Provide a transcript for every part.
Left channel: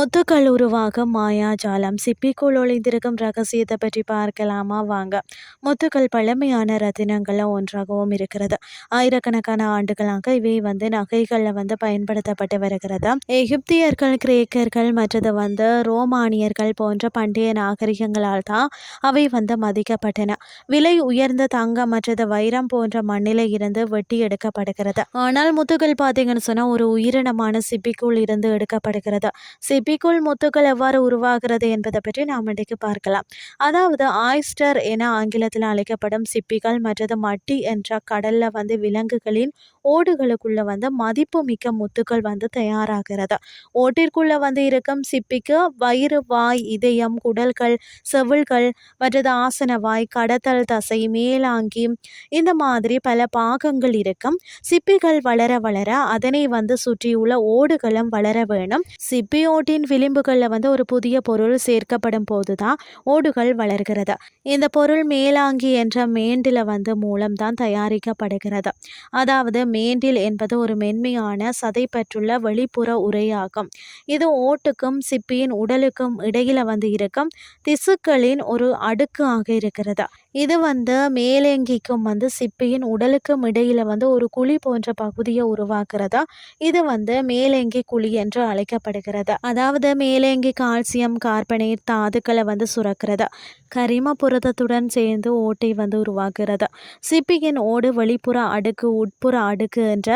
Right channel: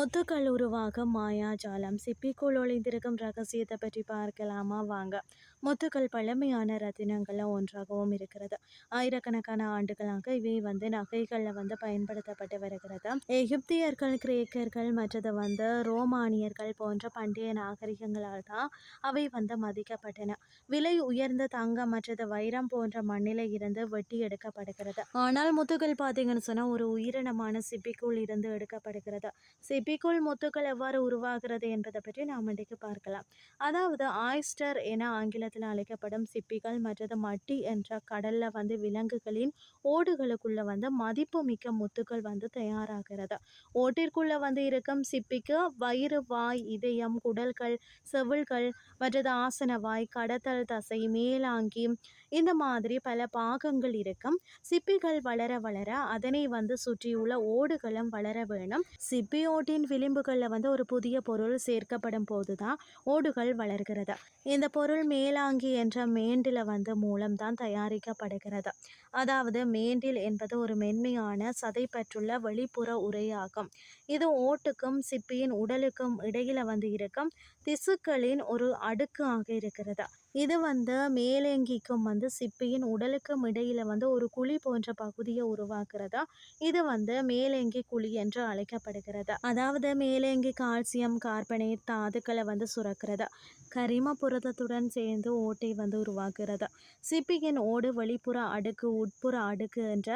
முத்துக்கள் உருவாகும் மாயாஜாலம் சிப்பிக்குள் ஒளிந்திருக்கும் ரகசியத்தை பற்றி பார்க்கலாமா? வாங்க. முத்துக்கள் பழமையான ரத்தினங்கள்ல ஒன்றாகவும் இருக்கிறது. ஆயிரக்கணக்கான ஆண்டுகளாக இவை வந்து நகைகளில் வந்து பயன்படுத்தப்பட்டு வருகிறது? எகிப்தியர்கள் கிரேக்கர்கள் மற்றது வந்து ரோமானியர்கள் போன்ற பண்டைய நாகரிகங்களால் தான் அவை வந்து மதிக்கப்பட்டன. விலை உயர்ந்த தங்கம் மற்றது வைரம் போன்ற மண்ணில இருந்து வெட்டி எடுக்கப்படுகிறது. ஆனால் முத்துக்கள் பார்த்தீங்கன்னு சொன்னால் ஒரு உயிரினமான சிப்பிக்குள் இருந்து எடுக்கப்படுகிறது. சிப்பி சிப்பிக்குள் முத்துக்கள் எவ்வாறு உருவாகிறது என்பதை பற்றி நாம் இன்றைக்கு பார்க்கலாம். அதாவது ஆய்ஸ்டர் என ஆங்கிலத்தில் அழைக்கப்படும் சிப்பிகள் மற்றது மட்டி என்ற கடலில் வந்து விலங்குகளின் ஓடுகளுக்குள்ள வந்து மதிப்பு மிக்க முத்துக்கள் வந்து தயாராகிறது. ஓட்டிற்குள்ள வந்து இருக்கும் சிப்பிக்கு வயிறு வாய் இதயம் குடல்கள் செவில்கள் மற்றது ஆசன வாய் கடத்தல் தசை மேலாங்கி இந்த மாதிரி பல பாகங்கள் இருக்கும். சிப்பிகள் வளர வளர அதனை வந்து சுற்றியுள்ள ஓடுகளும் வளர வேணும். சிப்பி ஓட்டின் விளிம்புகளில் வந்து ஒரு புதிய பொருள் சேர்க்கப்படும் போது தான் ஓடுகள் வளர்கிறது. இந்த பொருள் மேலாங்கி என்ற மேண்டில் வந்து மூலம்தான் தயாரிக்கப்படுகிறது. அதாவது மேண்டில் என்பது ஒரு மென்மையான சதை பெற்றுள்ள வெளிப்புற உரையாகும் இது ஓட்டுக்கும் சிப்பியின் உடலுக்கும் இடையில வந்து இருக்கும் திசுக்களின் ஒரு அடுக்கு ஆக இருக்கிறது. இது வந்து மேலங்கிக்கும் வந்து சிப்பியின் உடலுக்கும் இடையில வந்து ஒரு குழி போன்ற பகுதியை உருவாக்குறதா? இது வந்து மேலங்கி குழி என்று அழைக்கப்படுகிறது. அதாவது மேலங்கி கால்சியம் கார்பனேட் தாதுக்களை வந்து சுரக்கிறது. கரிம புரதத்துடன் சேர்ந்து ஓட்டை வந்து உருவாக்குறது சிப்பியின் ஓடு வெளிப்புற அடுக்கு உட்புற அடுக்கு என்ற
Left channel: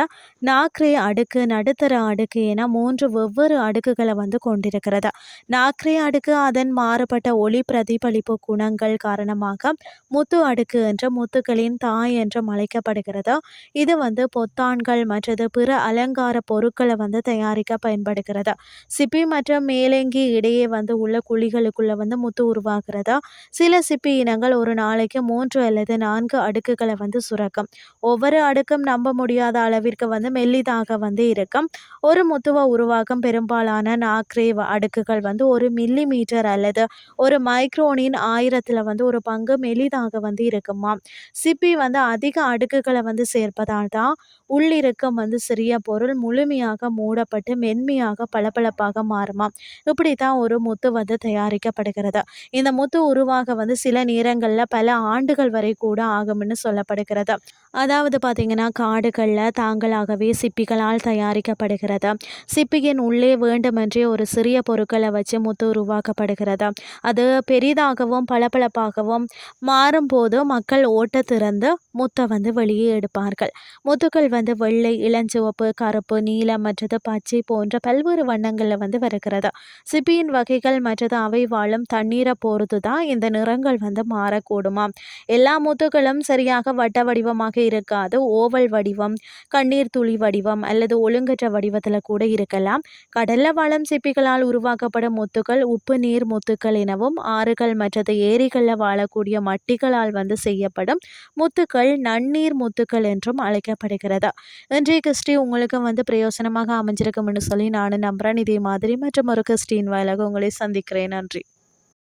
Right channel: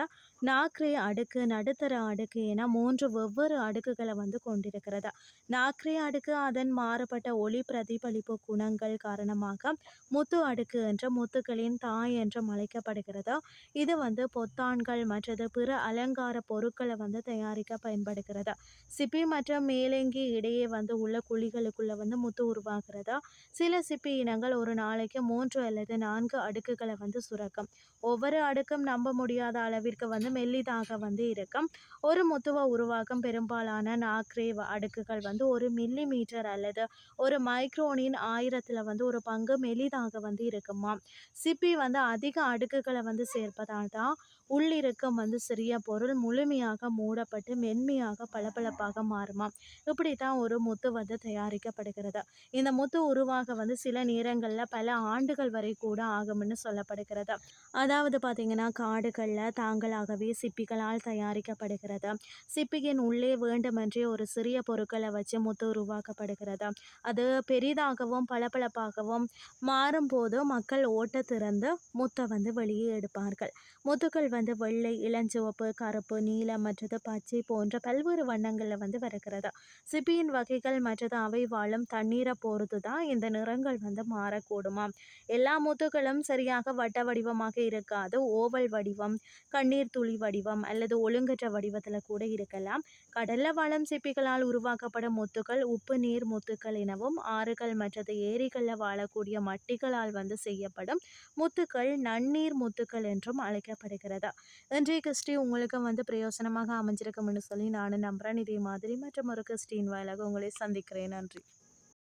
நாக்ரே அடுக்கு நடுத்தர அடுக்கு என மூன்று வெவ்வேறு அடுக்குகளை வந்து கொண்டிருக்கிறது. நாக்ரே அடுக்கு அதன் மாறுபட்ட ஒளி பிரதிபலிப்பு குணங்கள் காரணமாக முத்து அடுக்கு என்ற முத்துக்களின் தாய் என்றும் அழைக்கப்படுகிறது? இது வந்து பொத்தான்கள் மற்றது பிற அலங்கார பொருட்களை வந்து தயாரிக்க பயன்படுகிறது? சிப்பி மற்றும் மேலங்கி இடையே வந்து உள்ள குழிகளுக்குள்ள வந்து முத்து உருவாகிறதா? சில சிப்பி இனங்கள் ஒரு நாளைக்கு மூன்று அல்லது நான்கு அடுக்குகளை வந்து சுரக்கும். ஒவ்வொரு அடுக்கும் நம்ப முடியாத அளவிற்கு வந்து மெல்லிதாக வந்து இருக்கும். ஒரு முத்துவை உருவாக்கும் பெரும்பாலான நாக்ரே அடுக்குகள் வந்து ஒரு மில்லி மீட்டர் அல்லது ஒரு மைக்ரோனின் ஆயிரத்தில் வந்து ஒரு பங்கு மெலிதாக வந்து இருக்குமா? சிப்பி வந்து அதிக அடுக்குகளை வந்து சேர்ப்பதால் தான் உள்ளிருக்கம் வந்து சிறிய பொருள் முழுமையாக மூடப்பட்டு மென்மையாக பளபளப்பாக மாறுமா? இப்படி தான் ஒரு முத்து வந்து தயாரிக்கப்படுகிறது. இந்த முத்து உருவாக வந்து சில நேரங்களில் பல ஆண்டுகள் வரை கூட ஆகும்னு சொல்லப்படுகிறது. அதாவது பார்த்திங்கன்னா காடுகளில் தாங்களாகவே சிப்பிகளால் தயாரிக்கப்படுகிறது. சிப்பியின் உள்ளே வேண்டுமென்றே ஒரு சிறிய பொருட்களை வச்சு முத்து உருவாக்கப்படுகிறது. அது பெரிதாகவும் பளபளப்பாகவும் மா மாறும்போது மக்கள் ஓட்ட திறந்து முத்தை வந்து வெளியே எடுப்பார்கள். முத்துக்கள் வந்து வெள்ளை இளஞ்சிவப்பு கருப்பு நீலம் மற்றது பச்சை போன்ற பல்வேறு வண்ணங்களில் வந்து வருகிறது. சிப்பியின் வகைகள் மற்றது அவை வாழும் தண்ணீரை பொறுத்து தான் இந்த நிறங்கள் வந்து மாறக்கூடுமா எல்லா முத்துக்களும் சரியாக வட்ட வடிவமாக இருக்காது. ஓவல் வடிவம் கண்ணீர் துளி வடிவம் அல்லது ஒழுங்கற்ற வடிவத்தில் கூட இருக்கலாம். கடல்ல வாழும் சிப்பிகளால் உருவாக்கப்படும் முத்துக்கள் உப்பு நீர் முத்துக்கள் எனவும் ஆறுகள் மற்றது ஏரிகளில் வாழக்கூடிய செடிகளால் வந்து செய்யப்படும் முத்துக்கள் நன்னீர் முத்துக்கள் என்றும் அழைக்கப்படுகிறது. இன்றைய கிறிஸ்டி உங்களுக்கு வந்து பிரயோசனமாக அமைஞ்சிருக்கும்னு சொல்லி நானும் நம்புகிறேன் இதே மாதிரி மற்றும் ஒரு கிறிஸ்டின் வாயிலாக உங்களை சந்திக்கிறேன். நன்றி.